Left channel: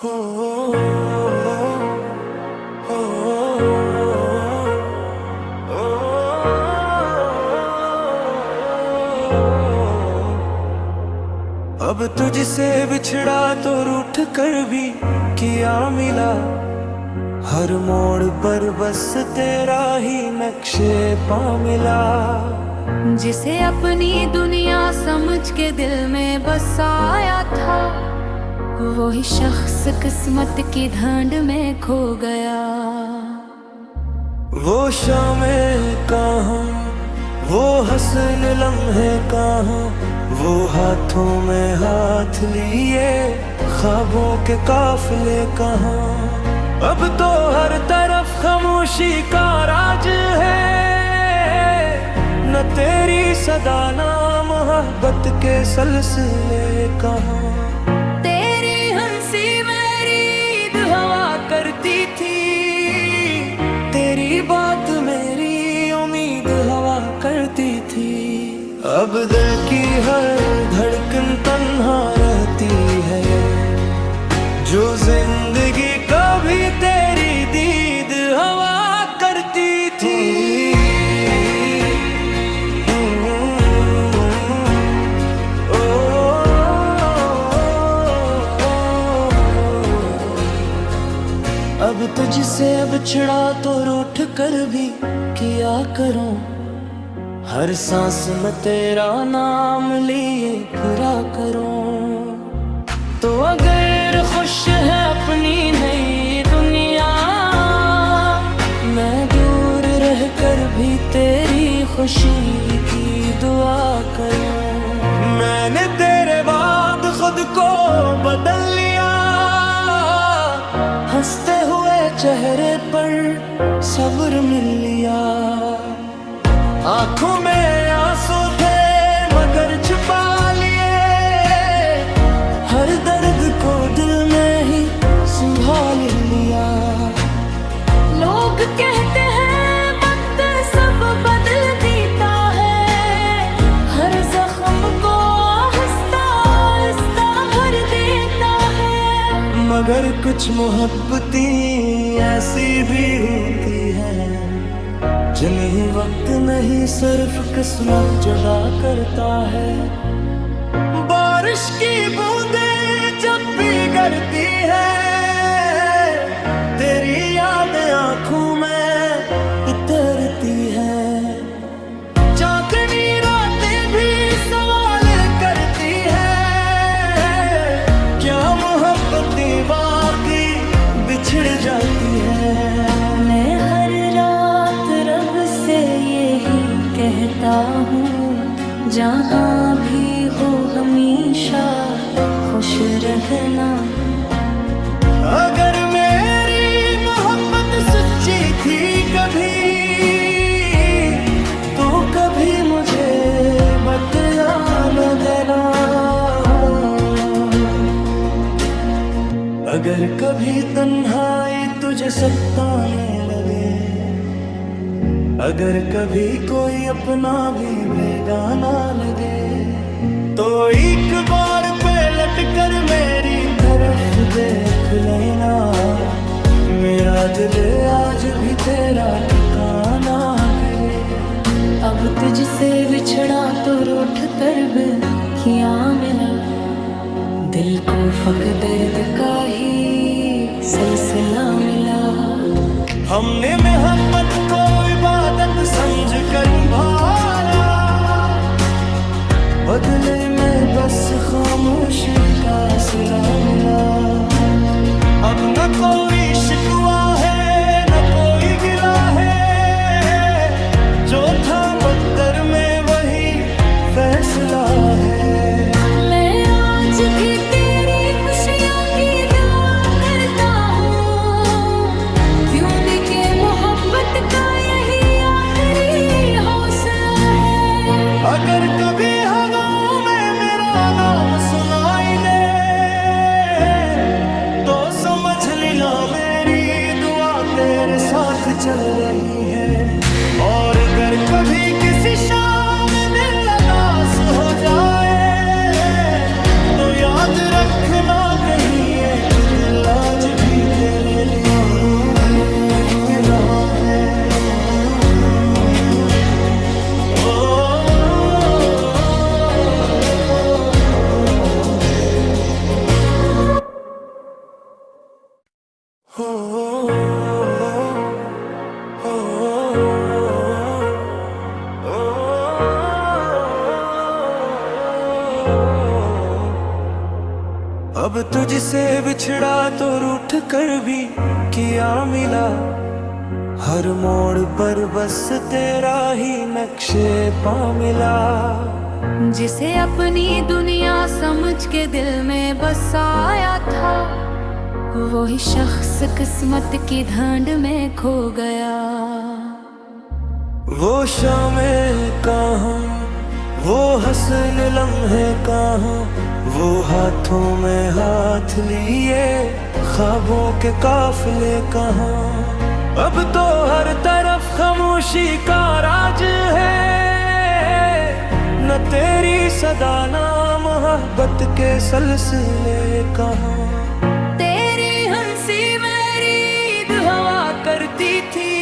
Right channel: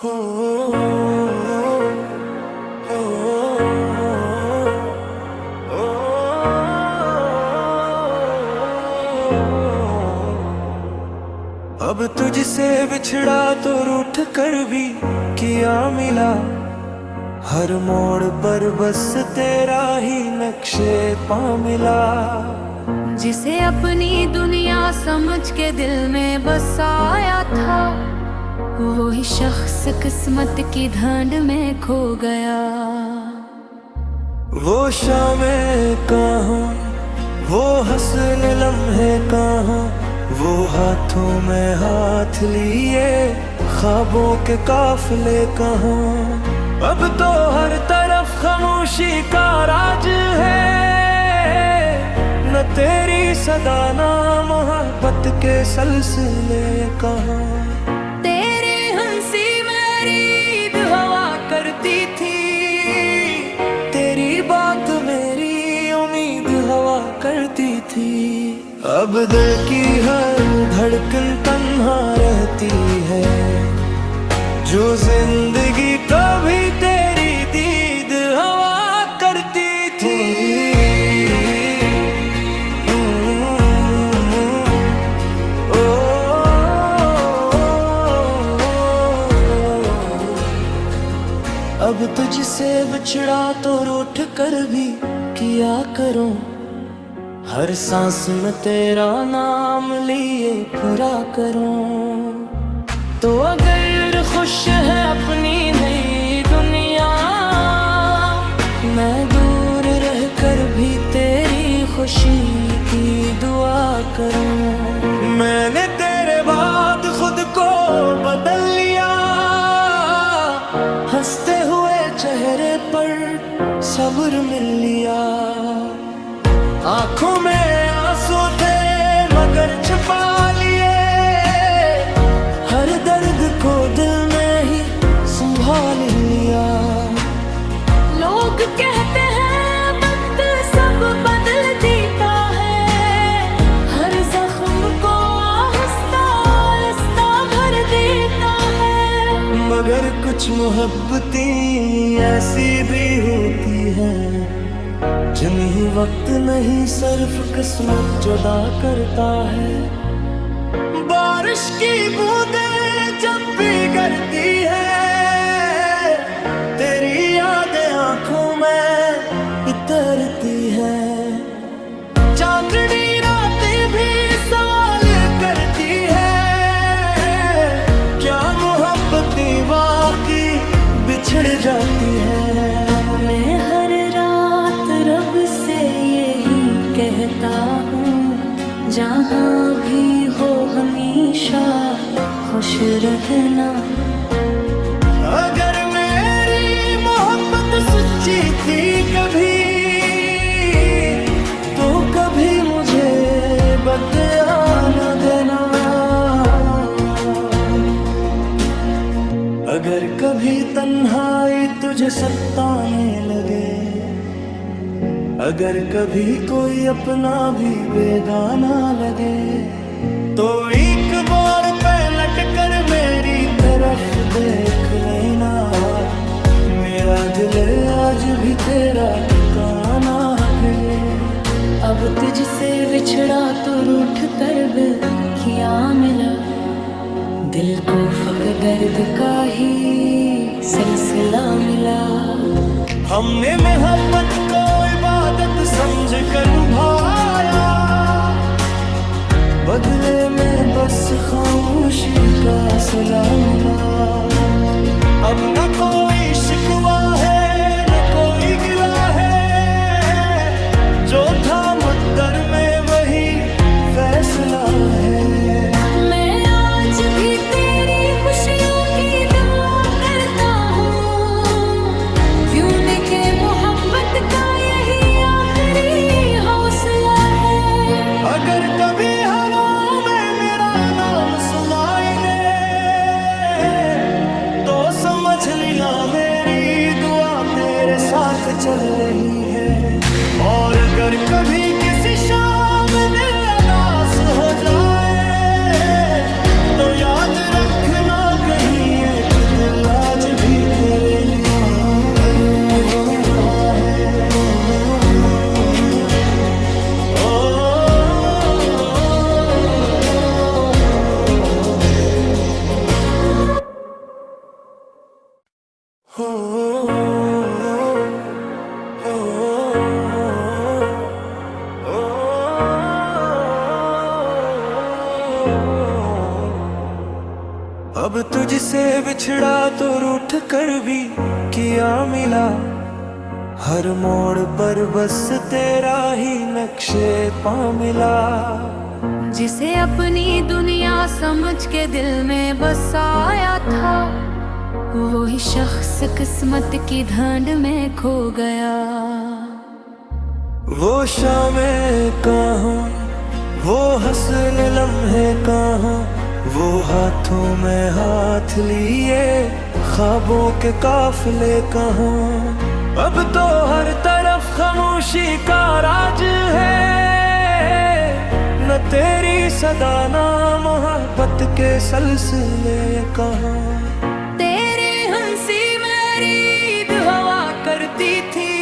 हो, हो, हो, अब तुझसे बिछड़ा तो रूठ कर भी किया मिला। हर मोड़ पर बस तेरा ही नक्शे पा मिला। जिसे अपनी दुनिया समझ के दिल में बसाया था, वही शख्स किस्मत की ढांड में खो गया। वो शामें कहाँ, वो हसन लम्हे कहाँ, वो हाथों में हाथ लिए ख्वाबों के काफिले कहाँ। अब तो हर तरफ खामोशी का राज है, न तेरी सदा ना मोहब्बत के सिलसिले कहाँ। तेरी हंसी मेरी ईद हवा करती थी, तेरी बात मेरी उम्मीद हवा करती थी। अब दिल की हर धड़कन तन्हा रहती है, जो जिंदगी कभी तेरी दीद हवा करती थी। अब तुझसे बिछड़ा तो रूठ कर भी किया करूं, हर सांस में तेरा नाम लिए फिरा करूं। तो अगर खुश है अपनी नई दुनिया, मैं दूर रह कर भी तेरी खुशी की दुआ करूं। मैंने तेरे बाद खुद को बदल लिया, हंसते हुए चेहरे पर सब्र मिल लिया। आंखों में आंसू थे मगर छुपा लिए, हर दर्द को दिल में ही संभाल लिया। लोग कहते हैं वक्त सब बदल देता है, हर जख्म को आहिस्ता आहिस्ता भर देता है। मगर कुछ मोहब्बतें ऐसी भी होती हैं, जिन्हें वक्त नहीं सिर्फ किस्मत जुदा करता है। बारिश की बूंदें जब भी गिरती है, तेरी यादें आंखों में इतरती है। चांदनी रातें भी सवाल करती है, क्या मोहब्बतें वाकई बिछड़ जाती है। मैं हर रात रब से यही कहता हूँ, जहाँ भी हो हमेशा खुश रहना। अगर मेरी मोहब्बत सच्ची थी कभी, तो कभी मुझे बदया न देना। अगर कभी तन्हाई तुझे सताने लगे, अगर कभी कोई अपना भी बेगाना लगे, तो एक बार पलट कर मेरी तरफ देख लेना। मेरा दिल आज भी तेरा ठिकाना है। अब तुझसे बिछड़ा तो रूठ कर भी क्या मिला, दिल को फक दर्द का ही सिलसिला मिला। हमने मोहब्बत को इबादत समझ कर निभाया, बदले में बस खामोशी का सिला मिला। अब न कोई शिकवा है न कोई गिला है, जो था मुक़द्दर में वही फैसला है। मैं आज भी तेरी खुशियों की दुआ करता हूँ, क्यों न के मोहब्बत का यही आखिरी हौसला है। अगर कभी हवाओं में मेरा नाम सुनाई दे, तो समझ लेना मेरी दुआ तेरे साथ चल रही है। और अगर कभी किसी शाम दिल उदास हो जाए, तो याद रखना ना कहीं एक दिल आज भी तेरे लिए धड़क रहा है। अब तुझसे बिछड़ा तो रूठ कर भी किया मिला, हर मोड़ पर बस तेरा ही नक्शे पा मिला। जिसे अपनी दुनिया समझ के दिल में बसाया था, वही शख्स किस्मत की ढांड में खो गया। वो शामें कहाँ, वो हसन लम्हे कहाँ, वो हाथों में हाथ लिए ख्वाबों के काफिले कहाँ। अब तो हर तरफ खामोशी का राज है, न तेरी सदा ना मोहब्बत के सलसिले कहाँ। तेरी हंसी मेरी ईद हवा करती थी,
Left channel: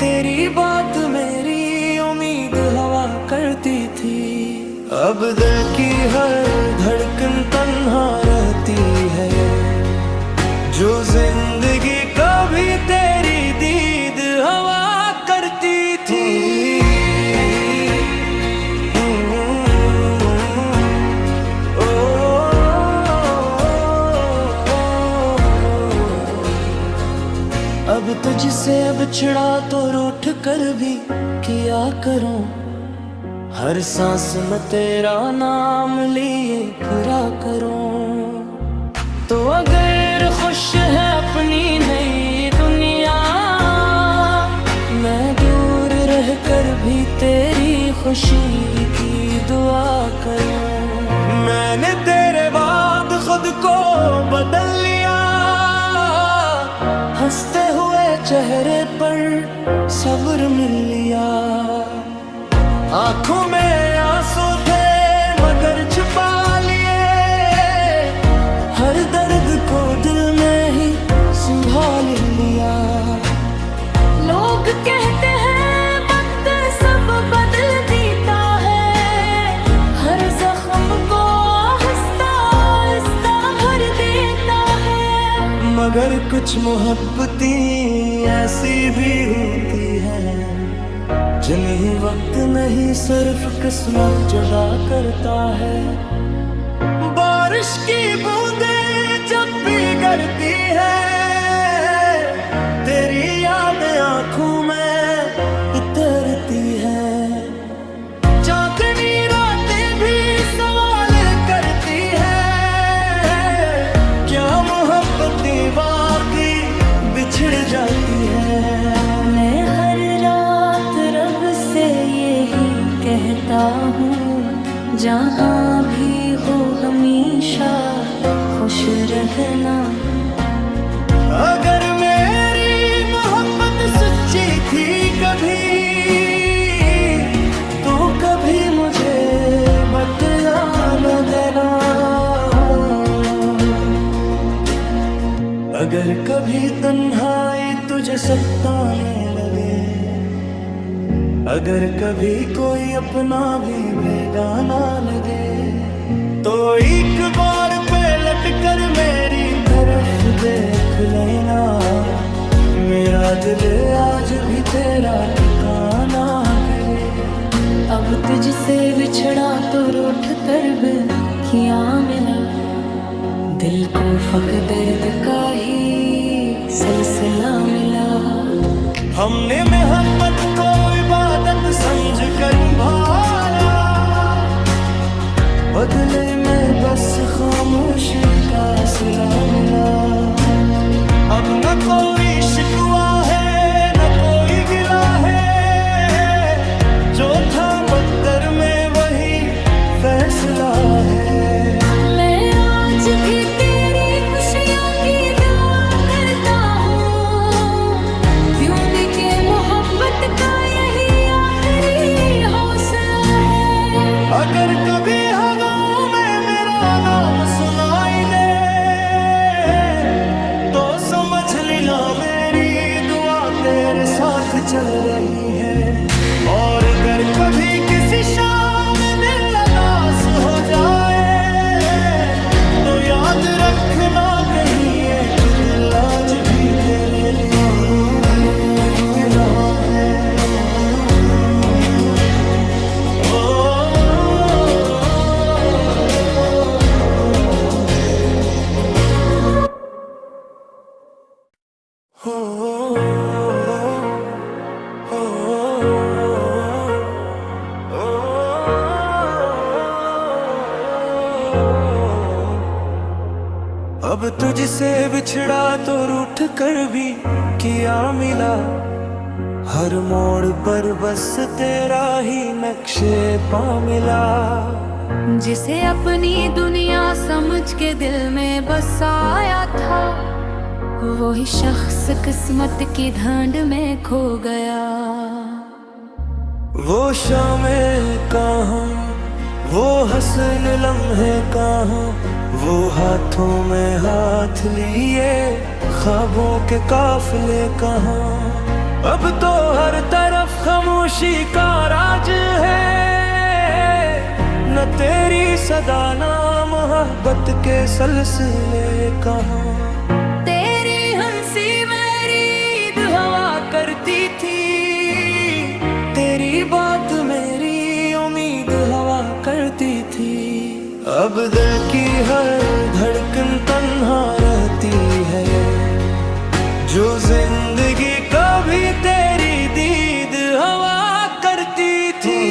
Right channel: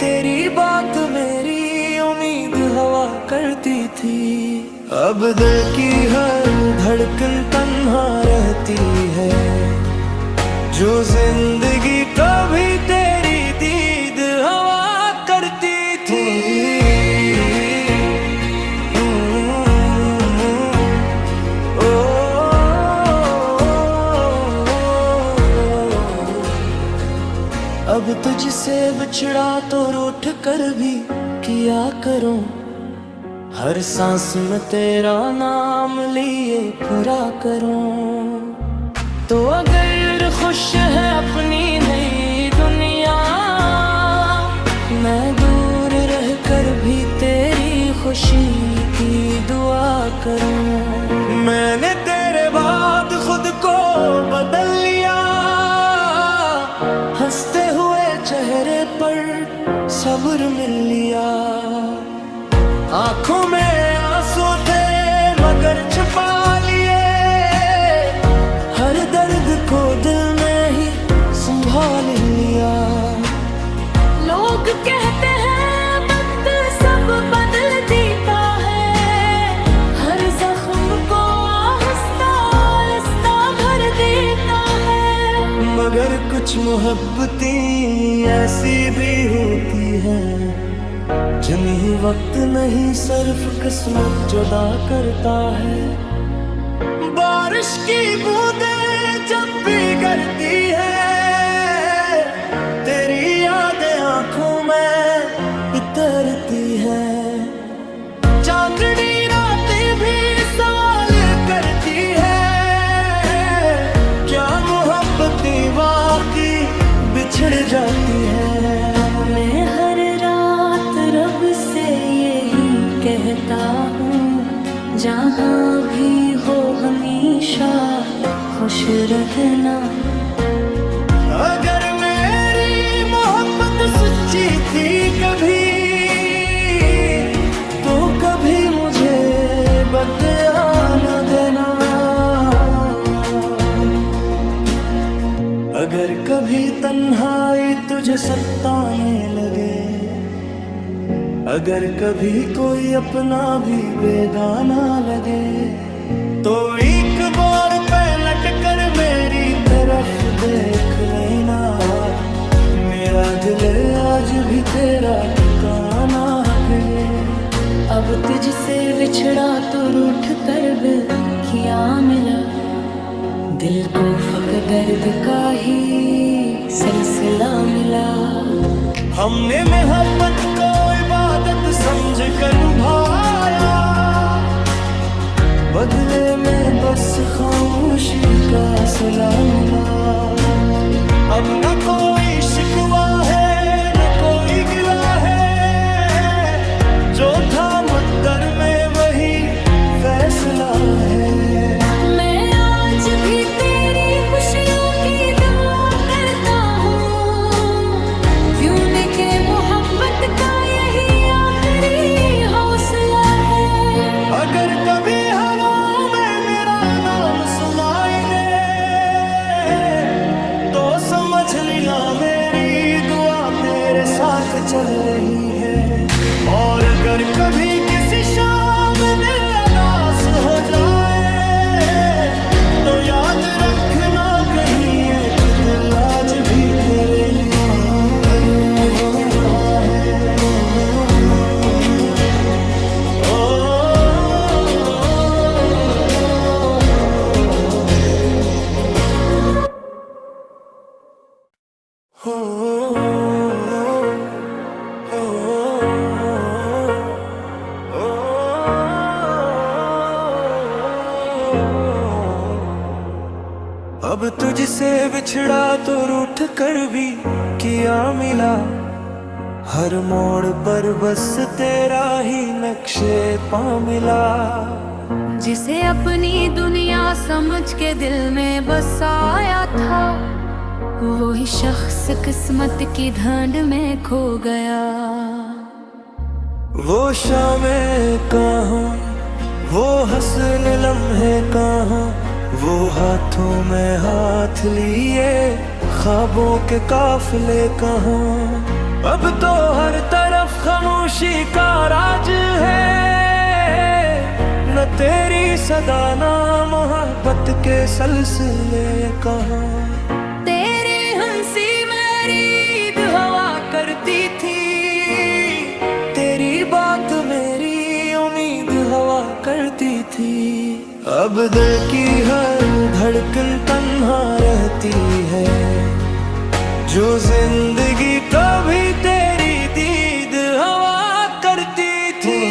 तेरी बात मेरी उम्मीद हवा करती थी। अब दिल की हर धड़कन तन्हा रहती है, जो जिंदगी कभी तेरी दीद हवा करती थी। अब तुझसे बिछड़ा तो रूठ कर भी किया करूं, हर सांस में तेरा नाम लिए फिरा करूं। तो अगर खुश है अपनी नई दुनिया, मैं दूर रह कर भी तेरी खुशी की दुआ करूं। मैंने तेरे बाद खुद को बदल लिया, हंसते हुए चेहरे पर सब्र मिल लिया। आंखों में आंसू थे मगर छुपा लिए, हर दर्द को दिल में ही संभाल लिया। लोग कहते हैं वक्त सब बदल देता है, हर जख्म को आहिस्ता आहिस्ता भर देता है। मगर कुछ मोहब्बतें ऐसी भी होती हैं, जिन्हीं वक्त नहीं सिर्फ किस्मत जुदा करता है। बारिश की बूंदें जब भी गिरती है, तेरी यादें आंखों में इतरती है। चांदनी रातें भी सवाल करती है, क्या मोहब्बतें वाकई बिछड़ जाती है। मैं हर रात रब से यही कहता हूँ, जहाँ भी हो हमेशा खुश रहना। अगर मेरी मोहब्बत सच्ची थी कभी, तो कभी मुझे बदया न देना। अगर कभी तन्हाई तुझे सताने लगे, अगर कभी कोई अपना भी बेगाना लगे, तो एक बार पलट कर मेरी तरफ देख लेना। मेरा दिल आज भी तेरा ठिकाना है। अब तुझसे बिछड़ा तो रूठ कर भी क्या मिला, दिल को फक दर्द का ही सिलसिला मिला। हमने मोहब्बत को इबादत समझ कर निभाया, बदले में बस खामोशी का सिला मिला। अब न कोई शिकवा है न कोई गिला है, जो था मुक़द्दर में वही फैसला है। मैं आज भी तेरी खुशियों की दुआ करता हूँ, क्यों न के मोहब्बत का यही आखिरी हौसला है। अगर कभी हवाओं में मेरा नाम नाम सुनाई दे तो समझ ली ना मेरी दुआ तेरे साथ चल रही है। और अगर कभी किसी शाम दिल उदास हो जाए तो याद रखना कहीं एक दिल आज भी तेरे लिए धड़क रहा है। अब तुझसे बिछड़ा तो रूठ कर भी किया मिला, हर मोड़ पर बस तेरा ही नक्शे पा मिला। जिसे अपनी दुनिया समझ के दिल में बसाया था, वही शख्स किस्मत की ढांड में खो गया। वो शामें कहाँ, वो हसन लम्हे कहाँ, वो हाथों में हाथ लिए ख्वाबों के काफिले कहाँ। अब तो हर तरफ खामोशी का राज है, न तेरी सदा ना मोहब्बत के सिलसिले कहाँ। तेरी हंसी मेरी ईद हवा करती थी, तेरी बात मेरी उम्मीद हवा करती थी। अब दिल की हर धड़कन तन्हा रहती है, जो जिंदगी कभी तेरी दीद हवा करती थी।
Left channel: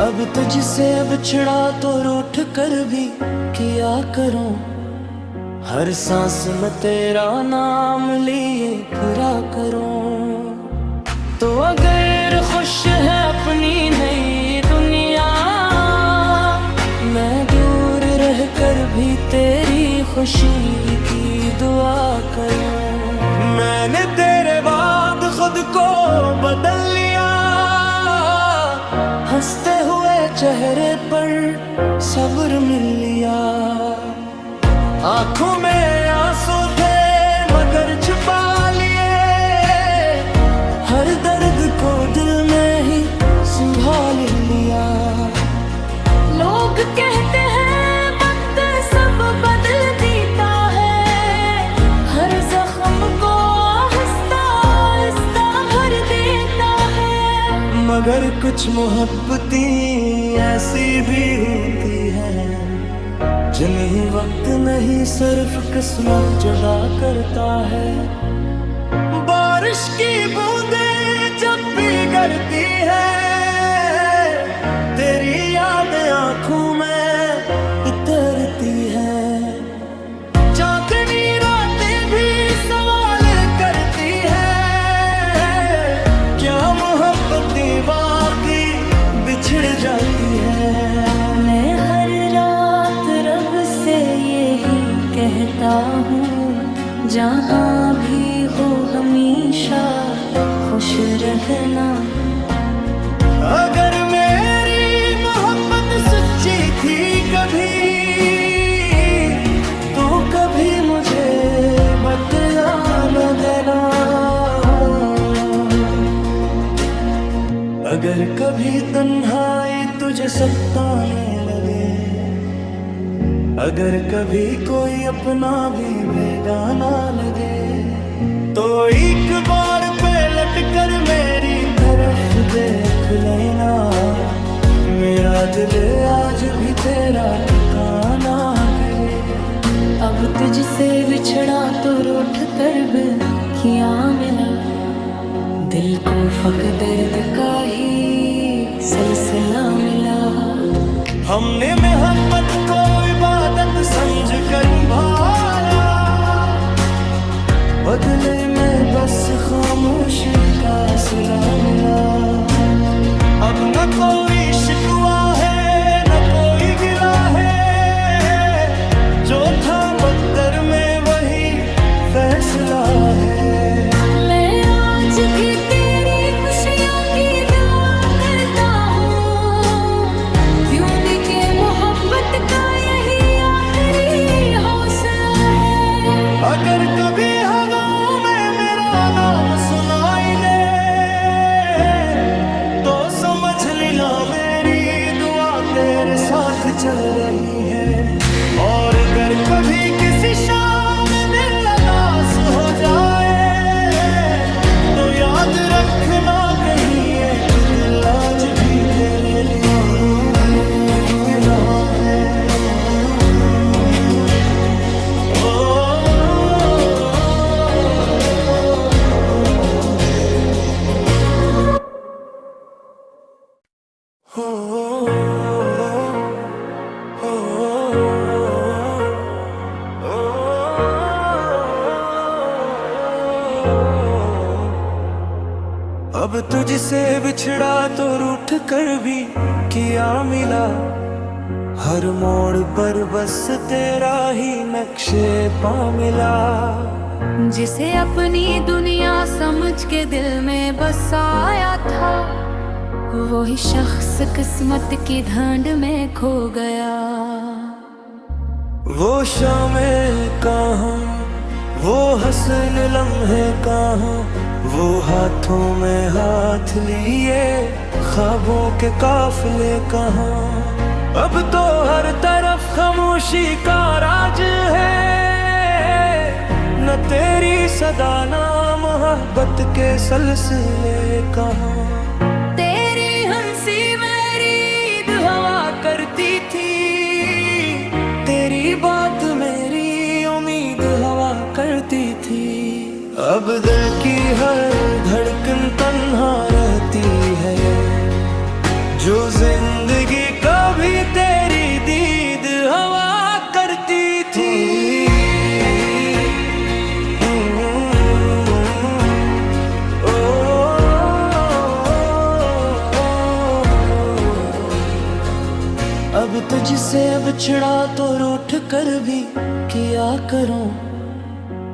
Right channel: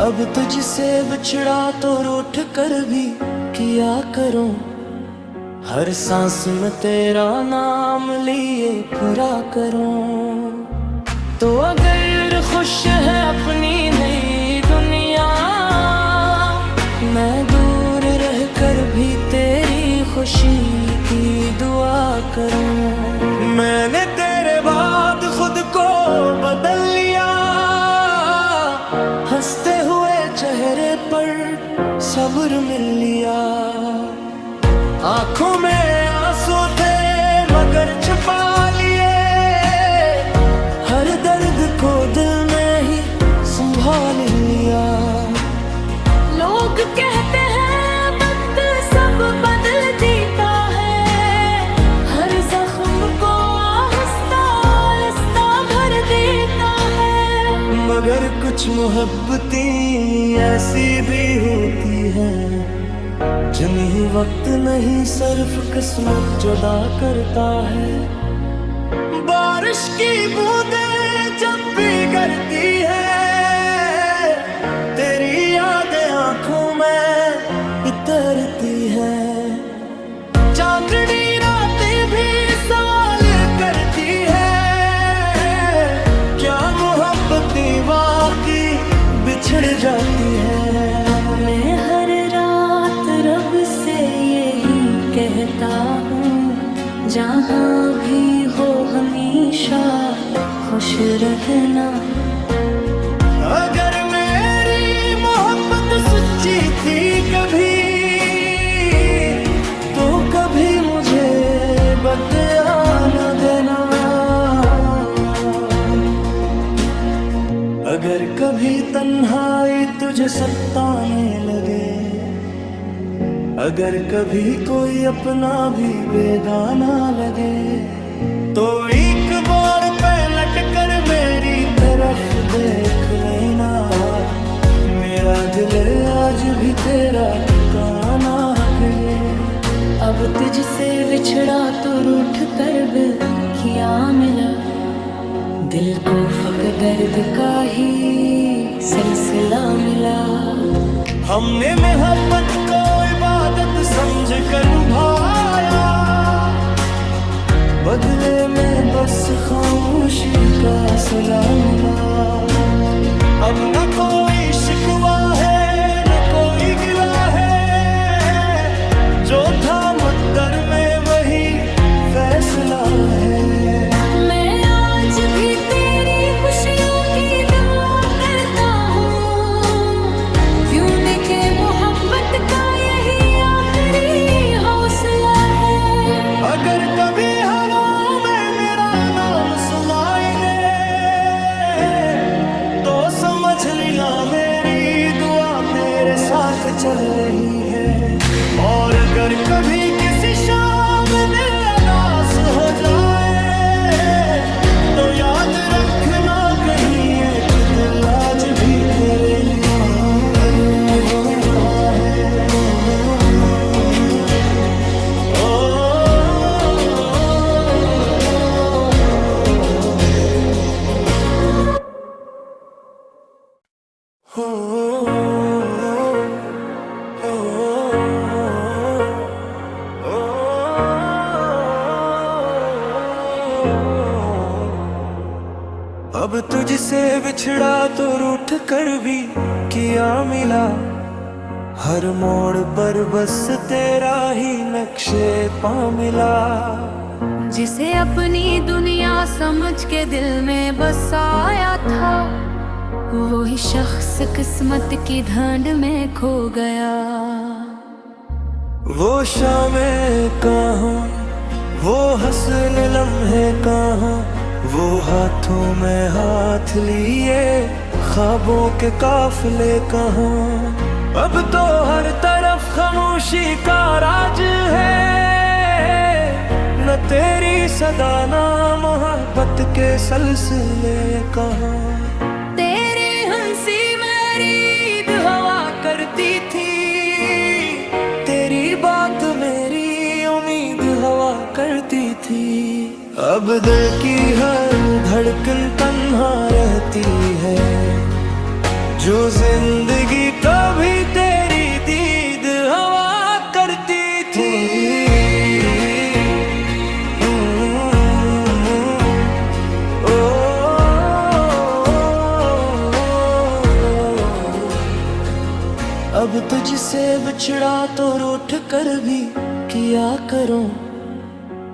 अब तुझसे बिछड़ा तो रूठ कर भी किया करूं, हर सांस में तेरा नाम लिए फिरा करूं। तो अगर खुश है अपनी नई दुनिया, मैं दूर रह कर भी तेरी खुशी की दुआ करूं। मैंने तेरे बाद खुद को बदल लिया, हंसते हुए चेहरे पर सब्र मिल लिया। आंखों में आंसू थे मगर छुपा लिए, हर दर्द को दिल में ही संभाल लिया। लोग कहते हैं वक्त सब बदल देता है, हर जख्म को आहिस्ता आहिस्ता भर देता है। मगर कुछ मोहब्बतें ऐसी भी होती हैं, जिन्हें वक्त नहीं सिर्फ किस्मत जुदा करता है। बारिश की बूंदें जब भी गिरती है, तेरी यादें आंखों में इतरती है। चांदनी रातें भी सवाल करती है, क्या मोहब्बतें वाकई बिछड़ जाती है। मैं हर रात रब से यही कहता हूँ, जहाँ भी हो हमेशा खुश रहना। अगर मेरी मोहब्बत सच्ची थी कभी, तो कभी मुझे बदया न देना। अगर कभी तन्हाई तुझे सताने लगे, अगर कभी कोई अपना भी बेगाना लगे, तो एक बार पलट कर मेरी तरफ देख लेना। मेरा दिल आज भी तेरा ठिकाना गए। अब तुझसे बिछड़ा तो रूठ कर भी क्या मिला, दिल को फक दर्द का ही सिलसिला मिला। हमने मोहब्बत को इबादत समझ कर निभाया, बदले में बस खामोशी का सिला मिला। अब न कोई शिकवा है न कोई गिला है, जो था मुक़द्दर में वही फैसला है। मैं आज भी तेरी खुशियों की दुआ करता हूँ, क्यों के मोहब्बत का यही आखिरी हौसला है। अगर कभी हवाओं में मेरा नाम सुनाई दे तो समझ लेना मेरी दुआ तेरे साथ चल रही है। और अगर कभी किसी शाम दिल उदास हो जाए तो याद रखना कहीं एक दिल आज भी तेरे लिए धड़क रहा है। अब तुझसे बिछड़ा तो रूठ कर भी किया मिला, हर मोड़ पर बस तेरा ही नक्शे पा मिला। जिसे अपनी दुनिया समझ के दिल में बसाया था, वही शख्स किस्मत की ढांड में खो गया। वो शामें कहाँ, वो हसन लम्हे कहाँ, वो हाथों में हाथ लिए ख्वाबों के काफिले कहाँ। अब तो हर तरफ खामोशी का राज है, न तेरी सदा ना मोहब्बत के सिलसिले कहाँ। तेरी हंसी मेरी ईद हवा करती थी, तेरी बात मेरी उम्मीद हवा करती थी। अब दिल की हर धड़कन तन्हा रहती है, जो जिंदगी कभी तेरी दीद हवा करती थी। अब तुझसे बिछड़ा तो रूठ कर भी किया करूं,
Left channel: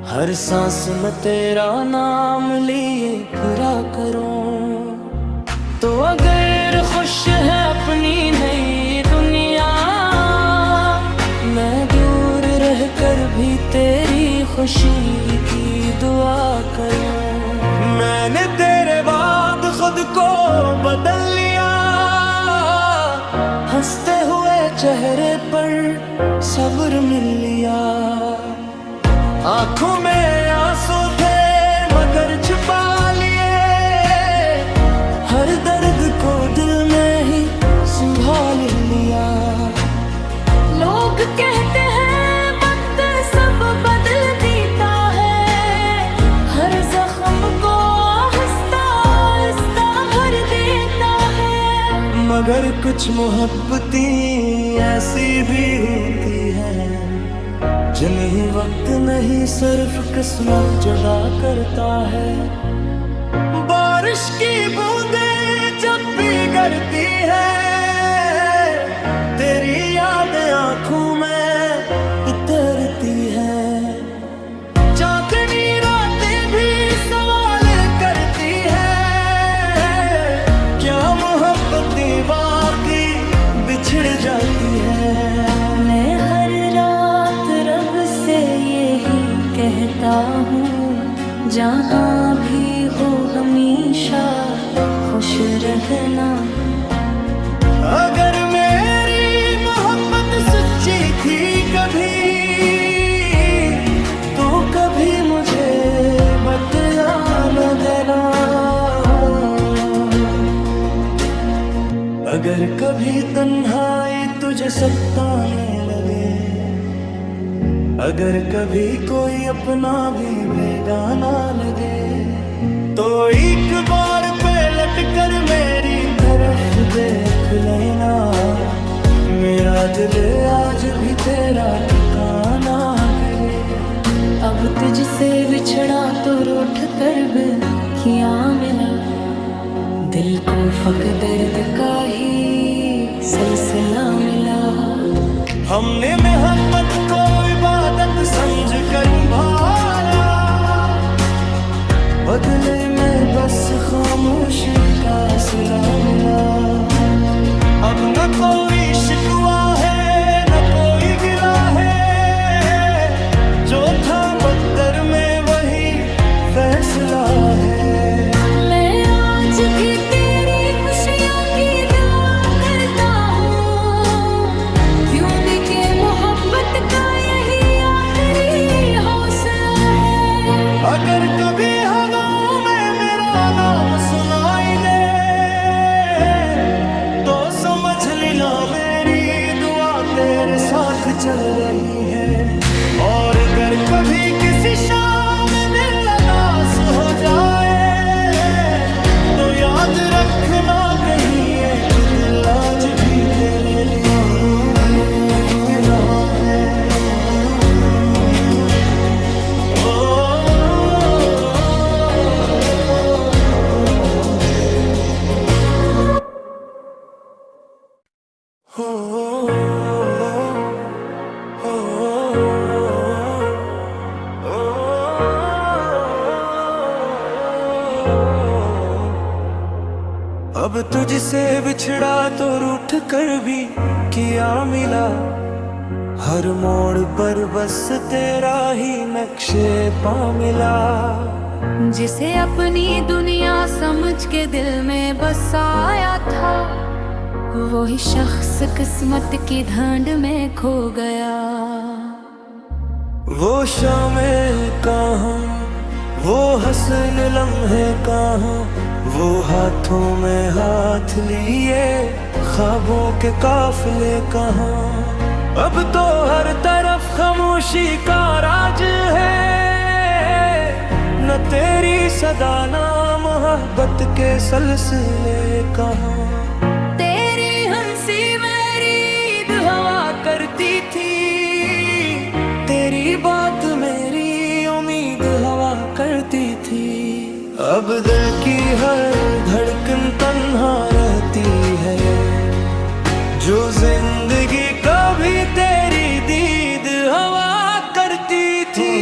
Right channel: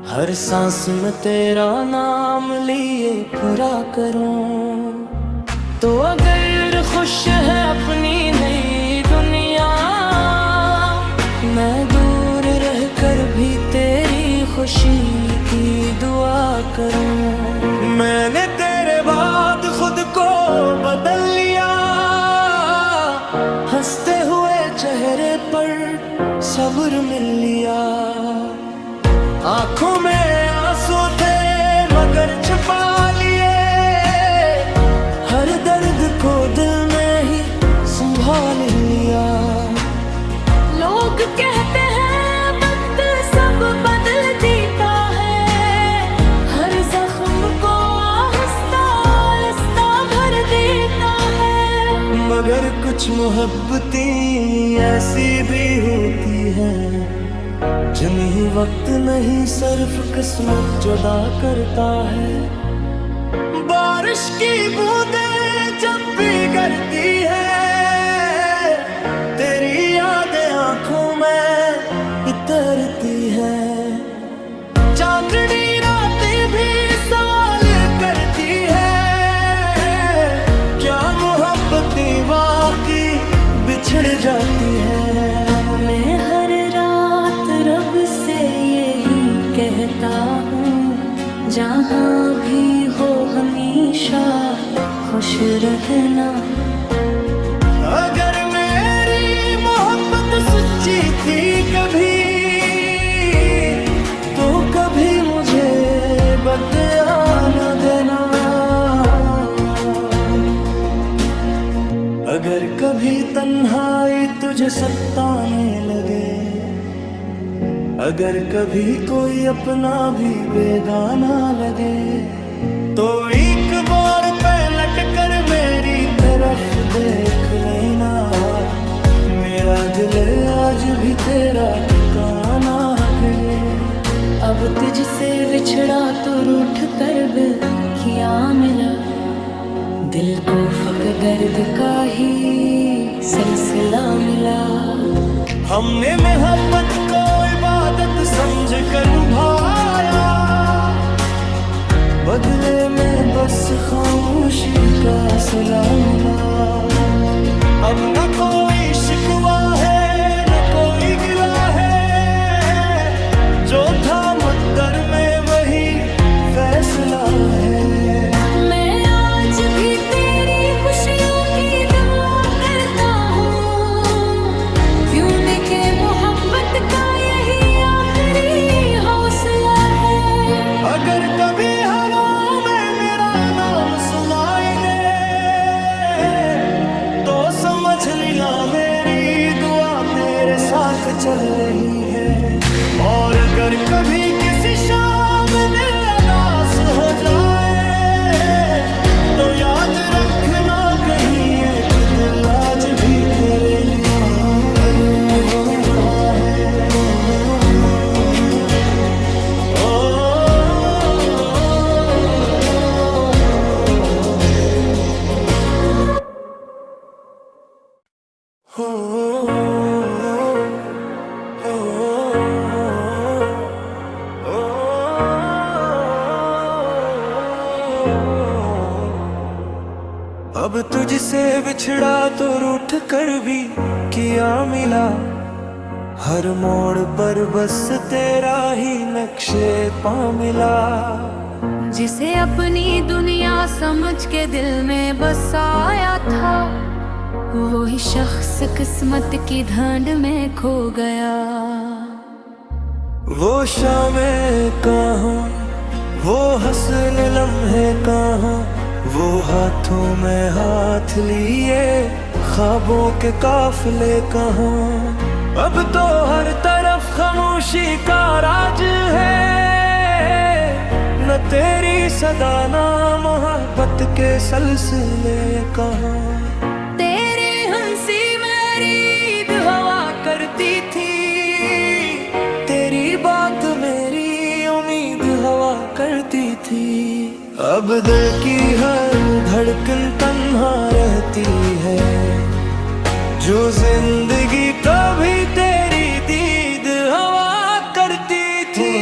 हर सांस में तेरा नाम लिए फिरा करूं। तो अगर खुश है अपनी नई दुनिया, मैं दूर रह कर भी तेरी खुशी की दुआ करूं। मैंने तेरे बाद खुद को बदल लिया, हंसते हुए चेहरे पर सब्र मिल लिया। आंखों में आंसू थे मगर छुपा लिए, हर दर्द को दिल में ही संभाल लिया। लोग कहते हैं वक्त सब बदल देता है, हर जख्म को आहिस्ता आहिस्ता भर देता है। मगर कुछ मोहब्बतें ऐसी भी होती हैं, जिन्हें वक्त नहीं सिर्फ किस्मत जुदा करता है। बारिश की बूंदें जब भी गिरती है, तेरी यादें आंखों में इतरती है। चांदनी रातें भी सवाल करती है, क्या मोहब्बतें वाकई बिछड़ जाती है। मैं हर रात रब से यही कहता हूँ, जहाँ भी हो हमेशा खुश रहना। अगर मेरी मोहब्बत सच्ची थी कभी, तो कभी मुझे बदला न देना। अगर कभी तन्हाई तुझे सताने लगे, अगर कभी कोई अपना भी बेगाना लगे, तो एक बार पलट कर मेरी तरफ देख लेना। मेरा दिल आज भी तेरा ठिकाना है। अब तुझसे बिछड़ा तो रूठ कर भी क्या मिला, दिल को फक दर्द का ही सिलसिला मिला। हमने मोहब्बत को इबादत समझ कर भाया, बदले में बस खामोशी का सिला मिला। अब न कोई शिकवा है न कोई गिला है, जो था मुक़द्दर में वही फैसला है। मैं आज भी तेरी खुशियों की दुआ करता हूँ, क्यों न के मोहब्बत का यही आखिरी हौसला है। अगर कभी हवाओं में मेरा नाम सुनाई दे, तो समझ लेना मेरी दुआ तेरे साथ चल रही है। और अगर कभी किसी शाम दिल उदास हो जाए, तो याद रखना कहीं एक दिल आज भी तेरे लिए धड़क रहा है। अब तुझसे बिछड़ा तो रूठ कर भी किया मिला, हर मोड़ पर बस तेरा ही नक्शे पा मिला। जिसे अपनी दुनिया समझ के दिल में बसाया था, वही शख्स किस्मत की ढांड में खो गया। वो शामें कहाँ, वो हसन लम्हे कहाँ, वो हाथों में हाथ लिए ख्वाबों के काफिले कहाँ। अब तो हर तरफ खामोशी का राज है, न तेरी सदा ना मोहब्बत के सिलसिले कहाँ। तेरी हंसी मेरी ईद हवा करती थी, तेरी बात मेरी उम्मीद हवा करती थी। अब दिल की हर धड़कन तन्हा रहती है, जो जिंदगी कभी तेरी दीद हवा करती थी।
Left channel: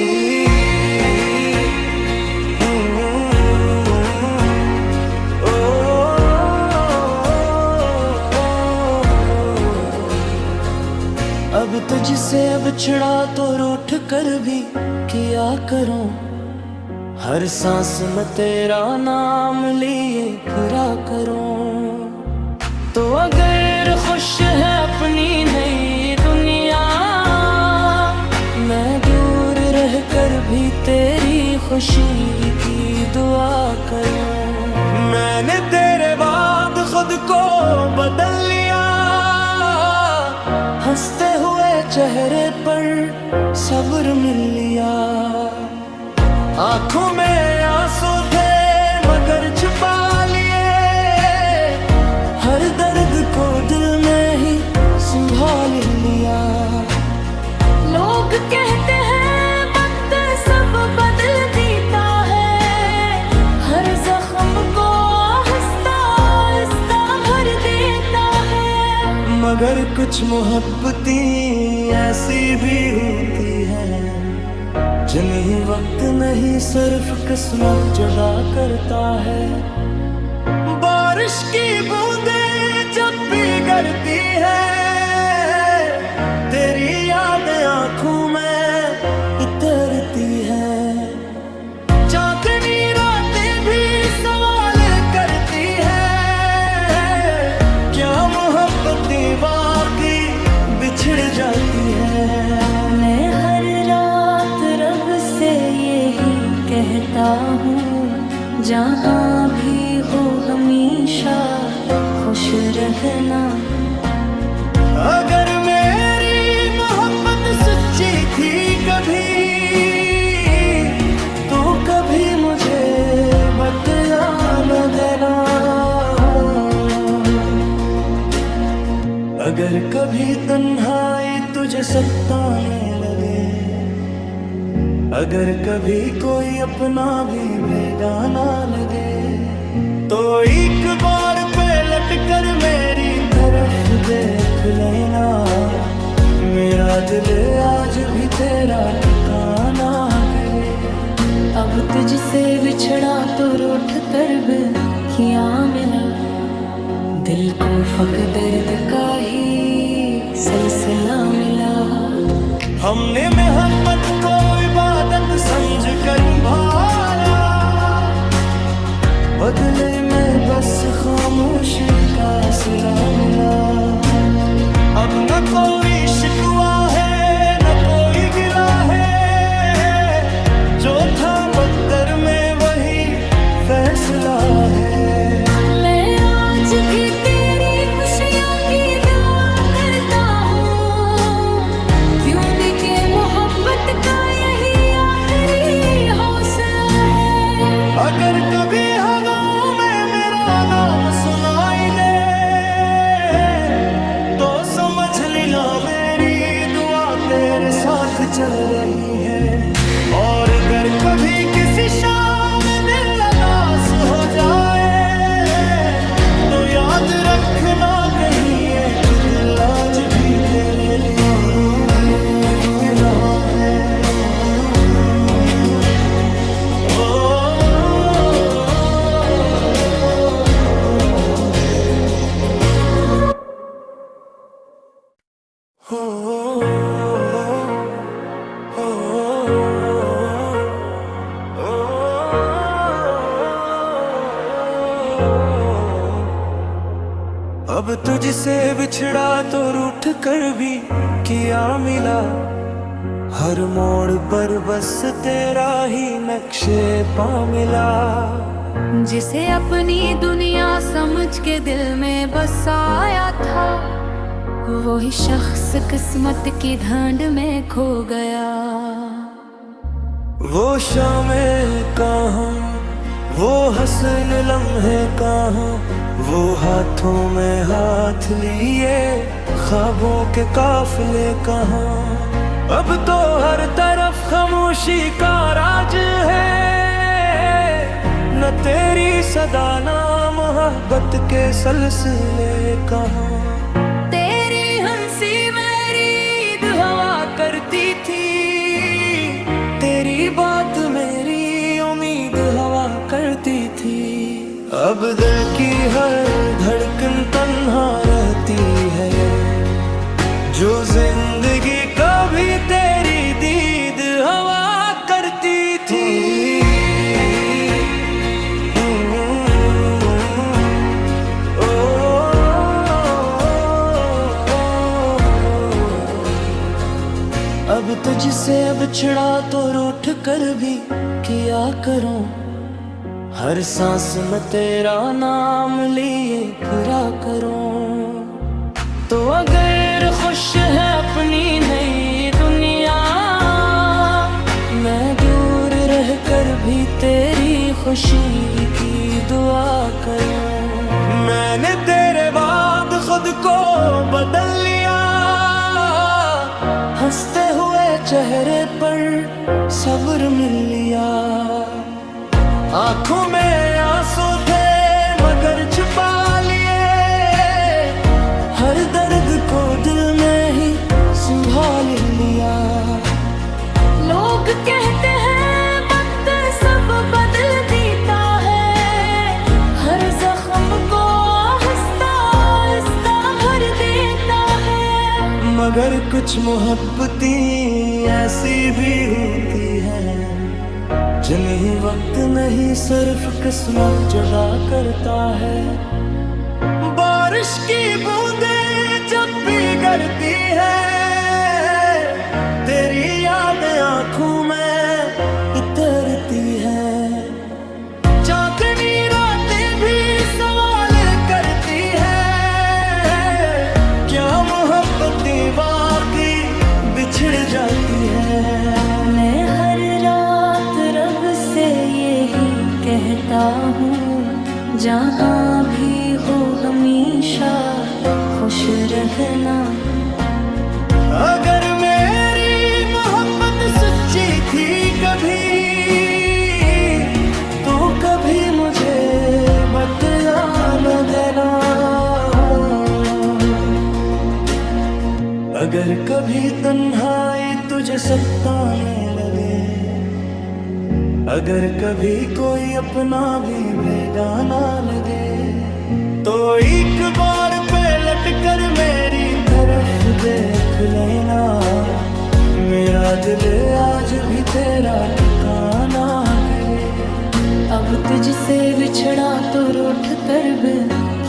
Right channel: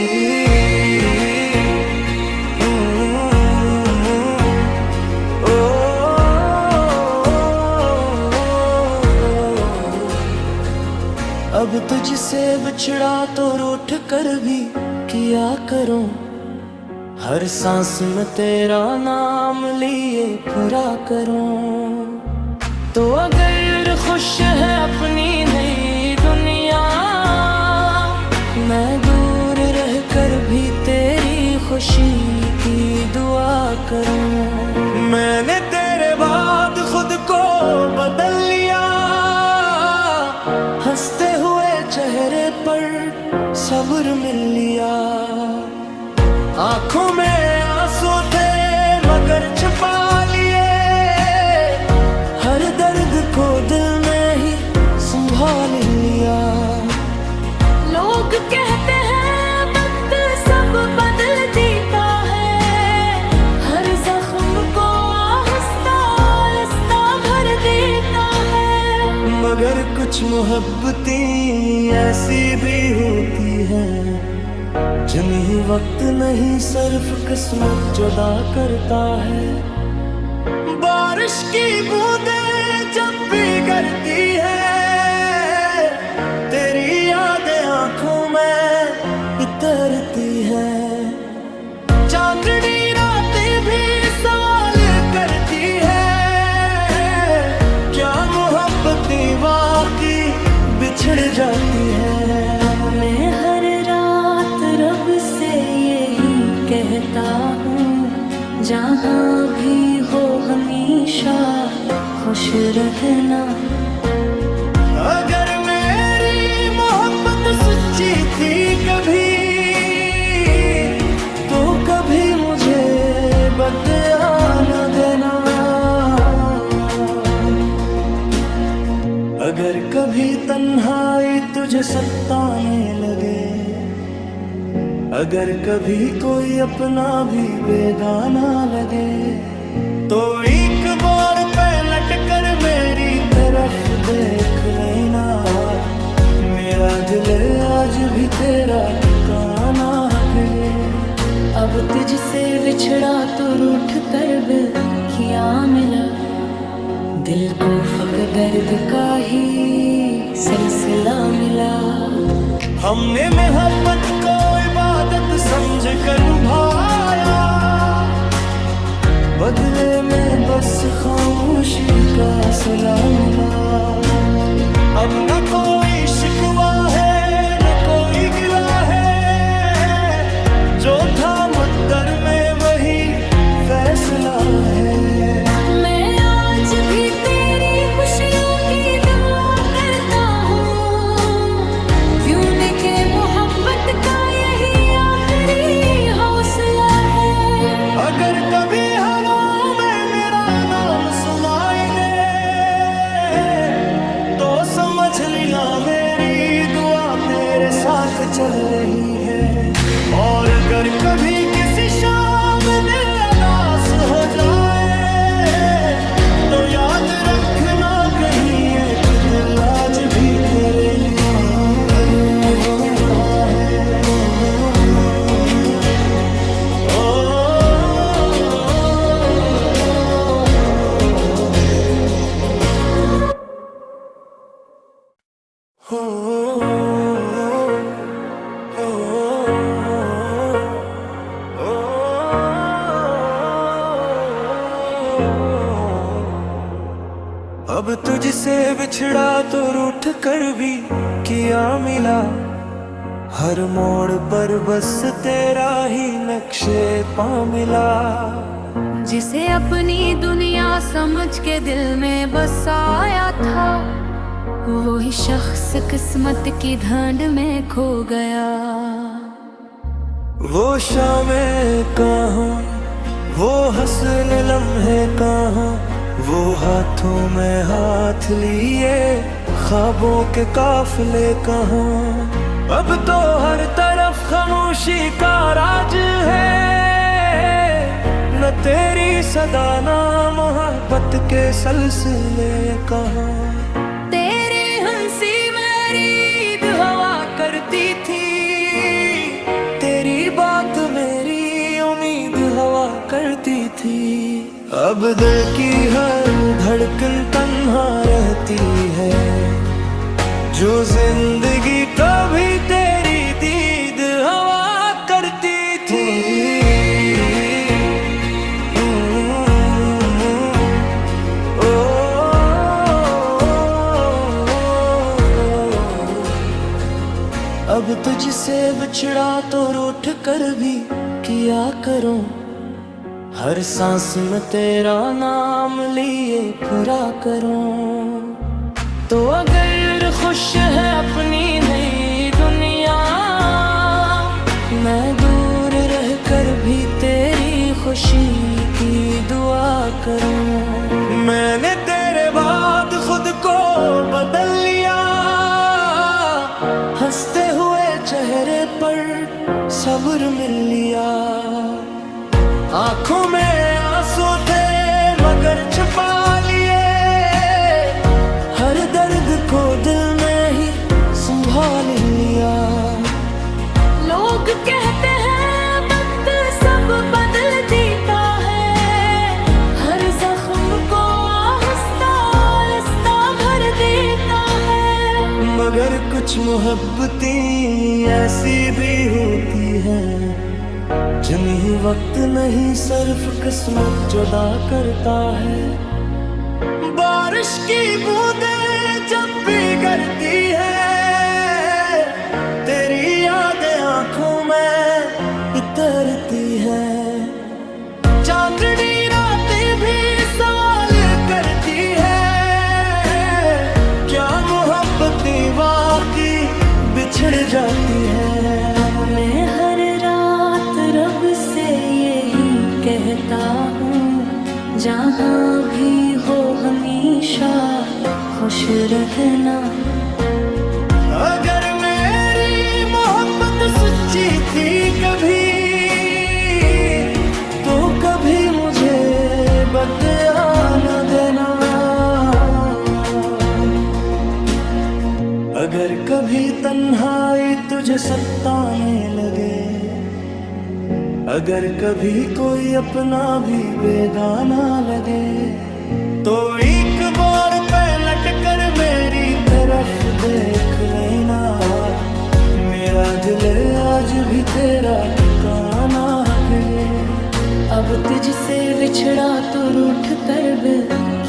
अब तुझसे बिछड़ा तो रूठ कर भी किया करूं, हर सांस में तेरा नाम लिए फिरा करूं। तो अगर खुश है अपनी नई दुनिया, मैं दूर रह कर भी तेरी खुशी की दुआ करूं। मैंने तेरे बाद खुद को बदल लिया, हंसते हुए चेहरे पर सब्र मिल लिया। आंखों में आंसू थे मगर छुपा लिए, हर दर्द को दिल में ही संभाल लिया। लोग कहते हैं वक्त सब बदल देता है, हर जख्म को आहिस्ता आहिस्ता भर देता है। मगर कुछ मोहब्बतें ऐसी भी होती हैं, जिन्हें वक्त नहीं सिर्फ किस्मत जुदा करता है। बारिश की बूंदें जब भी गिरती है, तेरी यादें आंखों में इतरती है। चांदनी रातें भी सवाल करती है, क्या मोहब्बतें वाकई बिछड़ जाती है। मैं हर रात रब से यही कहता हूँ, जहाँ भी हो हमेशा खुश रहना। अगर मेरी मोहब्बत सच्ची थी कभी, तो कभी मुझे बदया न देना। अगर कभी तन्हाई तुझे सताने लगे, अगर कभी कोई अपना भी बेगाना लगे, तो एक बार पलट कर मेरी तरफ देख लेना। मेरा दिल आज भी तेरा ठिकाना गए। अब तुझसे बिछड़ा तो रूठ कर भी क्या मिला, दिल को फक दर्द का ही सिलसिला मिला। हमने मोहब्बत को इबादत समझ कर निभाया, बदले में बस खामोशी का सिला मिला। अब न कोई शिकवा है न कोई गिला है, जो था मुक़द्दर में वही फैसला है। मैं आज भी तेरी खुशियों की दुआ करता हूँ, क्यों के मोहब्बत का यही आखिरी हौसला है। अगर कभी हवाओं में मेरा नाम सुनाई दे, तो समझ ली ना मेरी दुआ तेरे साथ चल रही है। और अगर कभी किसी शाम दिल उदास हो जाए, तो याद रखना कहीं एक दिल आज भी तेरे लिए धड़क रहा है। अब तुझसे बिछड़ा तो रूठ कर भी किया मिला, हर मोड़ पर बस तेरा ही नक्शे पा मिला। जिसे अपनी दुनिया समझ के दिल में बसाया था, वही शख्स किस्मत की ढांड में खो गया। वो शामें कहाँ, वो हसन लम्हे कहाँ, वो हाथों में हाथ लिए ख्वाबों के काफिले कहाँ। अब तो हर तरफ खामोशी का राज है, न तेरी सदा ना मोहब्बत के सिलसिले कहाँ। तेरी हंसी मेरी ईद हवा करती थी, तेरी बात मेरी उम्मीद हवा करती थी। अब दिल की हर धड़कन तन्हा रहती है, जो जिंदगी कभी तेरी दीद हवा करती थी। अब तुझसे बिछड़ा तो रूठ कर भी किया करूं, हर सांस में तेरा नाम लिए फिरा करूं। तो अगर खुश है अपनी नई दुनिया, मैं दूर रह कर भी तेरी खुशी की दुआ करूं। मैंने तेरे बाद खुद को बदल लिया, हंसते हुए चेहरे पर सब्र मिल लिया। आंखों में आंसू थे मगर छुपा लिए, हर दर्द को दिल में ही संभाल लिया। लोग कहते हैं वक्त सब बदल देता है, हर जख्म को आहिस्ता आहिस्ता भर देता है। मगर कुछ मोहब्बतें ऐसी भी होती हैं, जिन्हें वक्त नहीं सिर्फ किस्मत जुदा करता है। बारिश की बूंदें जब भी गिरती है, तेरी यादें आंखों में इतरती है। चांदनी रातें भी सवाल करती है, क्या मोहब्बतें वाकई बिछड़ जाती है। मैं हर रात रब से यही कहता हूँ, जहाँ भी हो हमेशा खुश रहना। अगर मेरी मोहब्बत सच्ची थी कभी, तो कभी मुझे बदया न देना। अगर कभी तन्हाई तुझे सताने लगे, अगर कभी कोई अपना भी बेगाना लगे, तो एक बार पलट कर मेरी तरफ देख लेना। मेरा दिल आज भी तेरा ठिकाना है। अब तुझसे बिछड़ा तो रूठ कर भी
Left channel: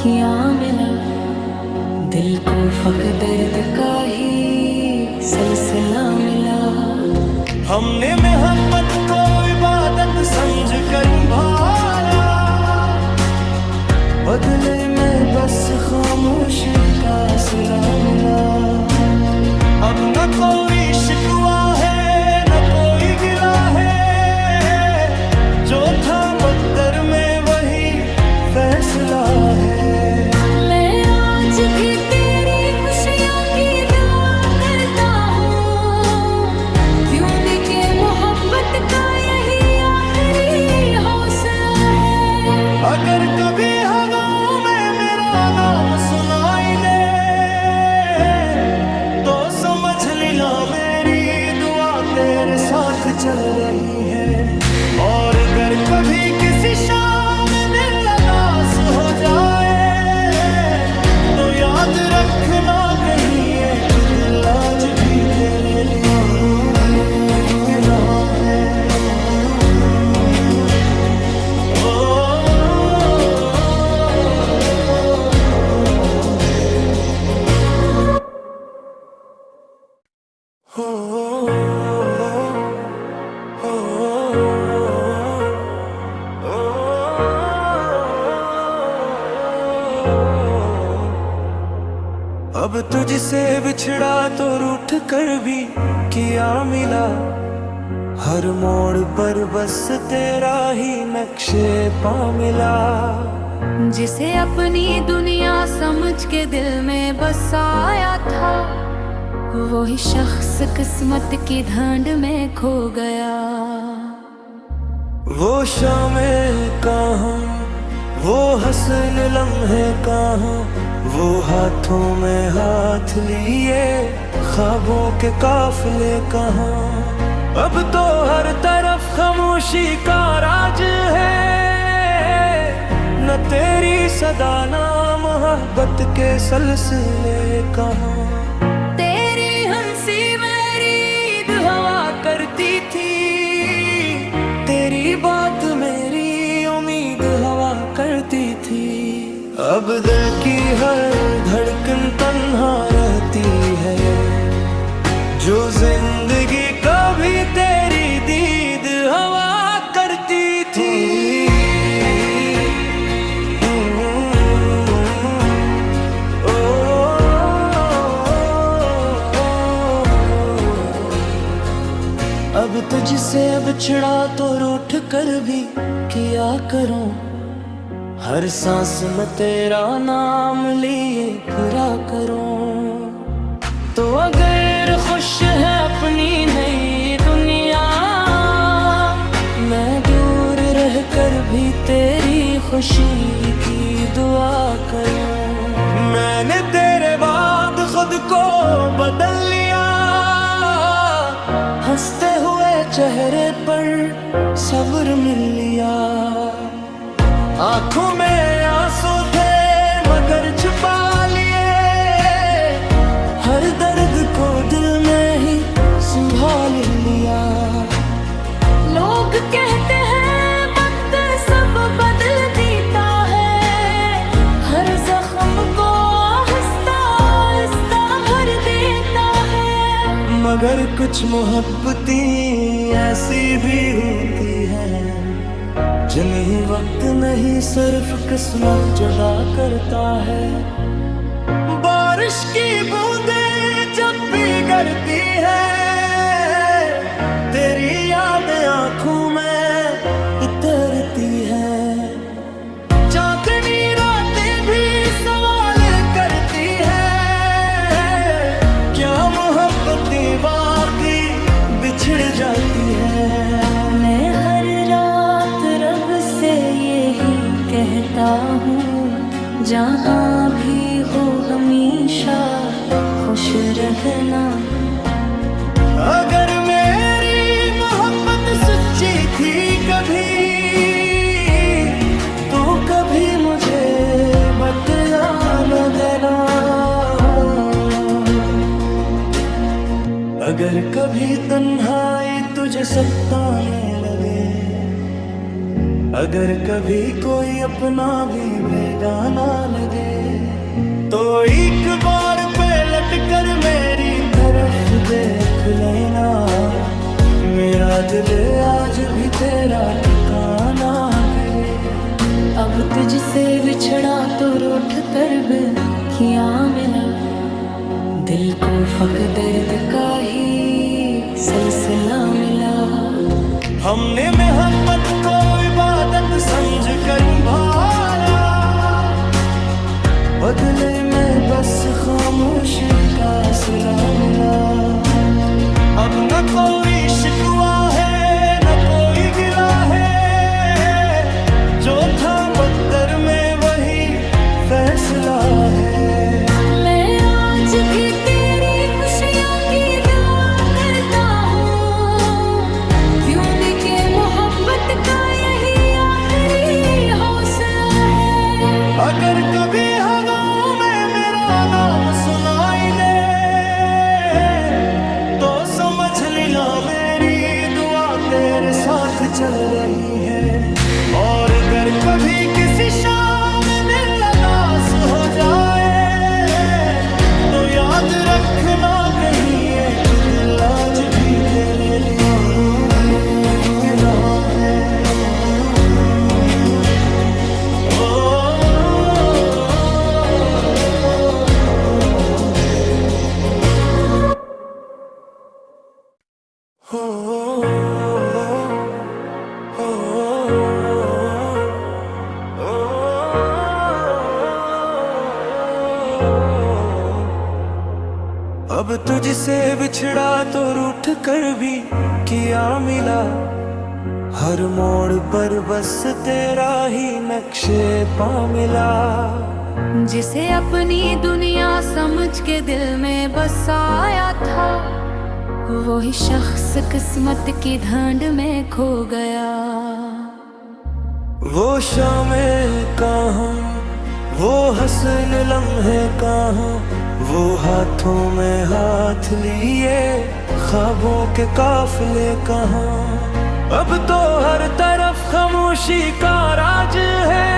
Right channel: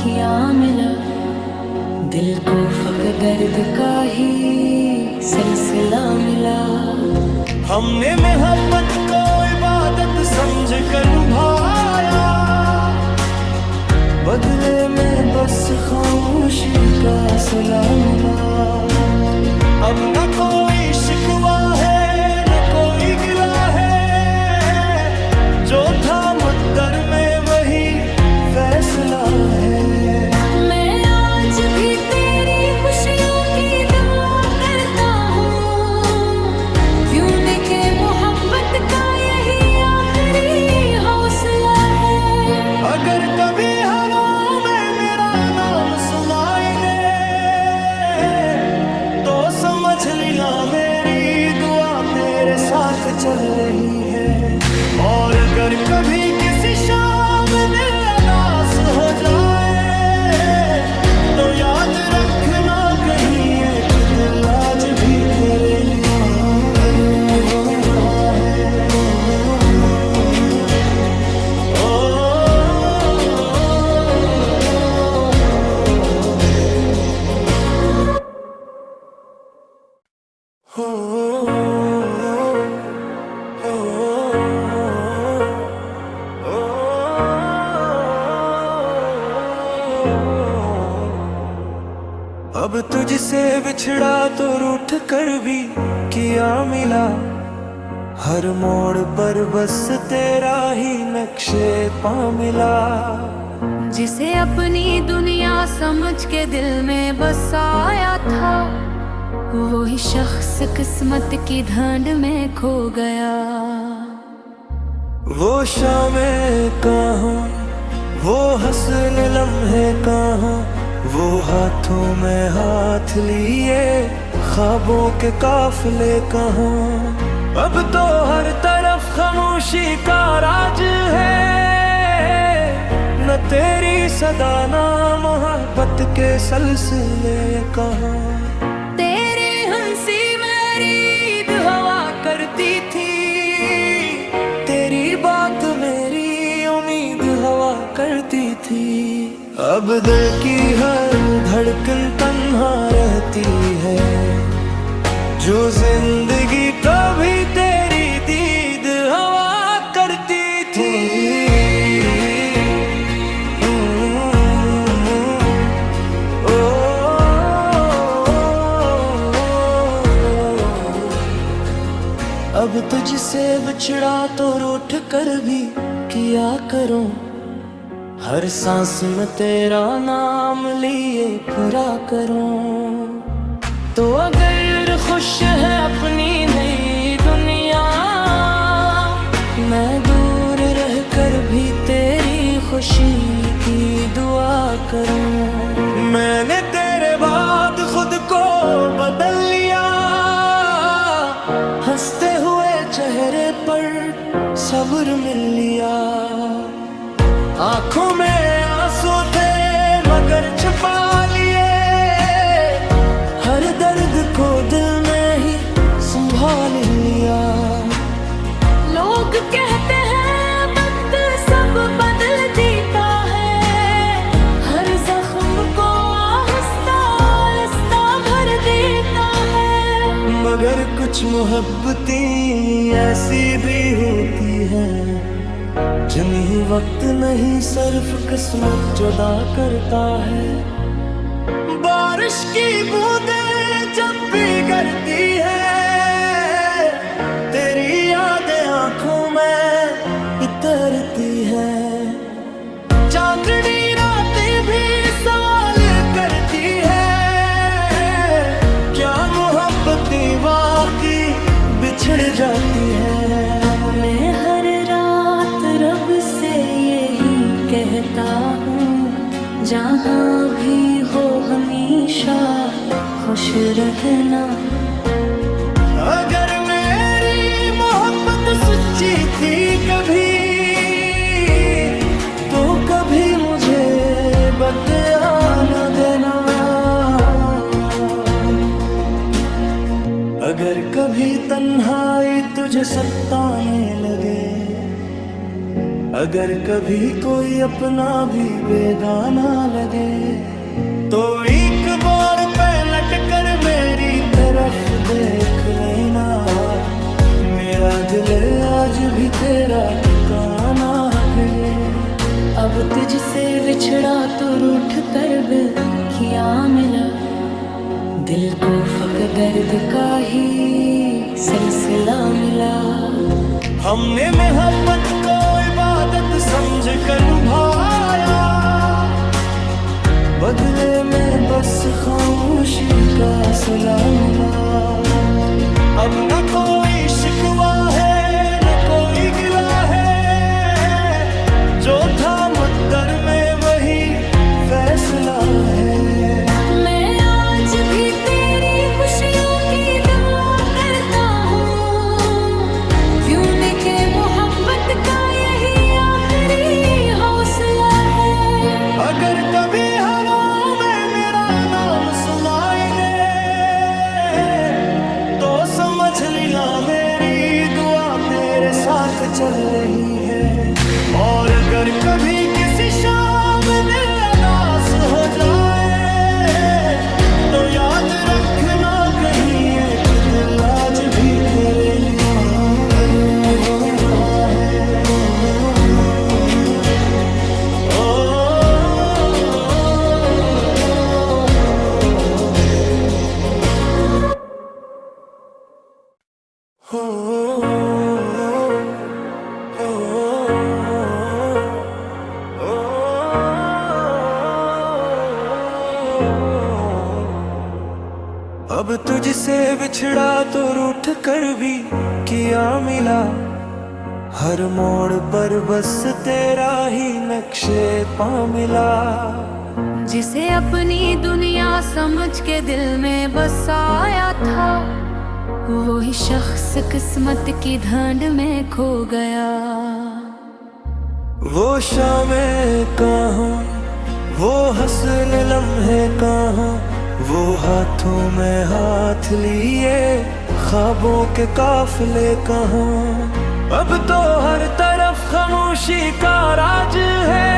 क्या मिला, दिल को फक दर्द का ही सिलसिला मिला। हमने मोहब्बत को इबादत समझ कर निभाया, बदले में बस खामोशी का सिला मिला। अब न कोई शिकवा है न कोई गिला है, जो था मुक़द्दर में वही फैसला है। मैं आज भी तेरी खुशियों की दुआ करता हूँ, क्यों न के मोहब्बत का यही आखिरी हौसला है। अगर कभी हवाओं में मेरा नाम सुनाई दे, तो समझ लेना मेरी दुआ तेरे साथ चल रही है। और अगर कभी किसी शाम दिल उदास हो जाए, तो याद रखना कहीं एक दिल आज भी तेरे लिए धड़क रहा है। अब तुझसे बिछड़ा तो रूठ कर भी किया मिला, हर मोड़ पर बस तेरा ही नक्शे पा मिला। जिसे अपनी दुनिया समझ के दिल में बसाया था, वही शख्स किस्मत की ढांड में खो गया। वो शामें कहाँ, वो हसन लम्हे कहाँ, वो हाथों में हाथ लिए ख्वाबों के काफिले कहाँ। अब तो हर तरफ खामोशी का राज है, न तेरी सदा ना मोहब्बत के सिलसिले कहाँ। तेरी हंसी मेरी ईद हवा करती थी, तेरी बात मेरी उम्मीद हवा करती थी। अब दिल की हर धड़कन तन्हा रहती है, जो जिंदगी कभी तेरी दीद हवा करती थी। अब तुझसे बिछड़ा तो रूठ कर भी किया करूं, हर सांस में तेरा नाम लिए फिरा करूं। तो अगर खुश है अपनी नई दुनिया, मैं दूर रह कर भी तेरी खुशी की दुआ करूं। मैंने तेरे बाद खुद को बदल लिया, हंसते हुए चेहरे पर सब्र मिल लिया। आंखों में आंसू थे मगर छुपा लिए, हर दर्द को दिल में ही संभाल लिया। लोग कहते हैं वक्त सब बदल देता है, हर जख्म को आहिस्ता आहिस्ता भर देता है। मगर कुछ मोहब्बतें ऐसी भी होती हैं, जिन्हें वक्त नहीं सिर्फ किस्मत जुदा करता है। बारिश की बूंदें जब भी गिरती है, तेरी यादें आंखों में इतरती है। चांदनी रातें भी सवाल करती है, क्या मोहब्बतें वाकई बिछड़ जाती है। मैं हर रात रब से यही कहता हूँ, जहाँ भी हो हमेशा खुश रहना। अगर मेरी मोहब्बत सच्ची थी कभी, तो कभी मुझे बदला न देना। अगर कभी तन्हाई तुझे सताने लगे, अगर कभी कोई अपना भी बेगाना लगे, तो एक बार पलट कर मेरी तरफ देख लेना। मेरा दिल आज भी तेरा ठिकाना है। अब तुझसे बिछड़ा तो रूठ कर भी क्या मिला, दिल को फक दर्द का ही सिलसिला मिला। हमने मोहब्बत को इबादत समझ कर निभाया, बदले में बस खामोशी का सिला मिला। अब न कोई शिकवा है न कोई गिला है, जो था मुक़द्दर में वही फैसला है। मैं आज भी तेरी खुशियों की दुआ करता हूँ, क्यों के मोहब्बत का यही आखिरी हौसला है। अगर कभी हवाओं में मेरा नाम सुनाई दे, तो समझ लेना मेरी दुआ तेरे साथ चल रही है। और अगर कभी किसी शाम दिल उदास हो जाए, तो याद रखना कहीं एक दिल आज भी तेरे लिए धड़क रहा है। अब तुझसे बिछड़ा तो रूठ कर भी किया मिला, हर मोड़ पर बस तेरा ही नक्शे पा मिला। जिसे अपनी दुनिया समझ के दिल में बसाया था, वही शख्स किस्मत की ढांड में खो गया। वो शामें कहाँ, वो हसन लम्हे कहाँ, वो हाथों में हाथ लिए ख्वाबों के काफिले कहाँ। अब तो हर तरफ खामोशी का राज है,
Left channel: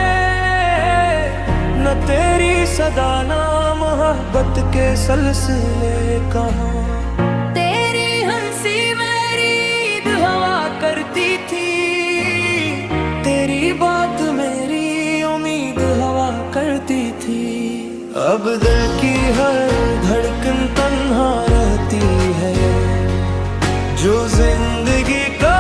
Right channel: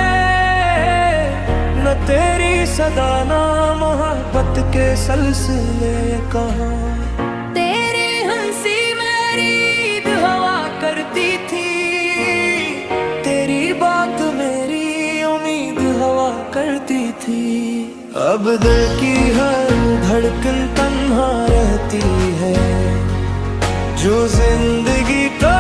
न तेरी सदा ना मोहब्बत के सलसिले कहाँ। तेरी हंसी मेरी ईद हवा करती थी, तेरी बात मेरी उम्मीद हवा करती थी। अब दिल की हर धड़कन तन्हा रहती है, जो जिंदगी का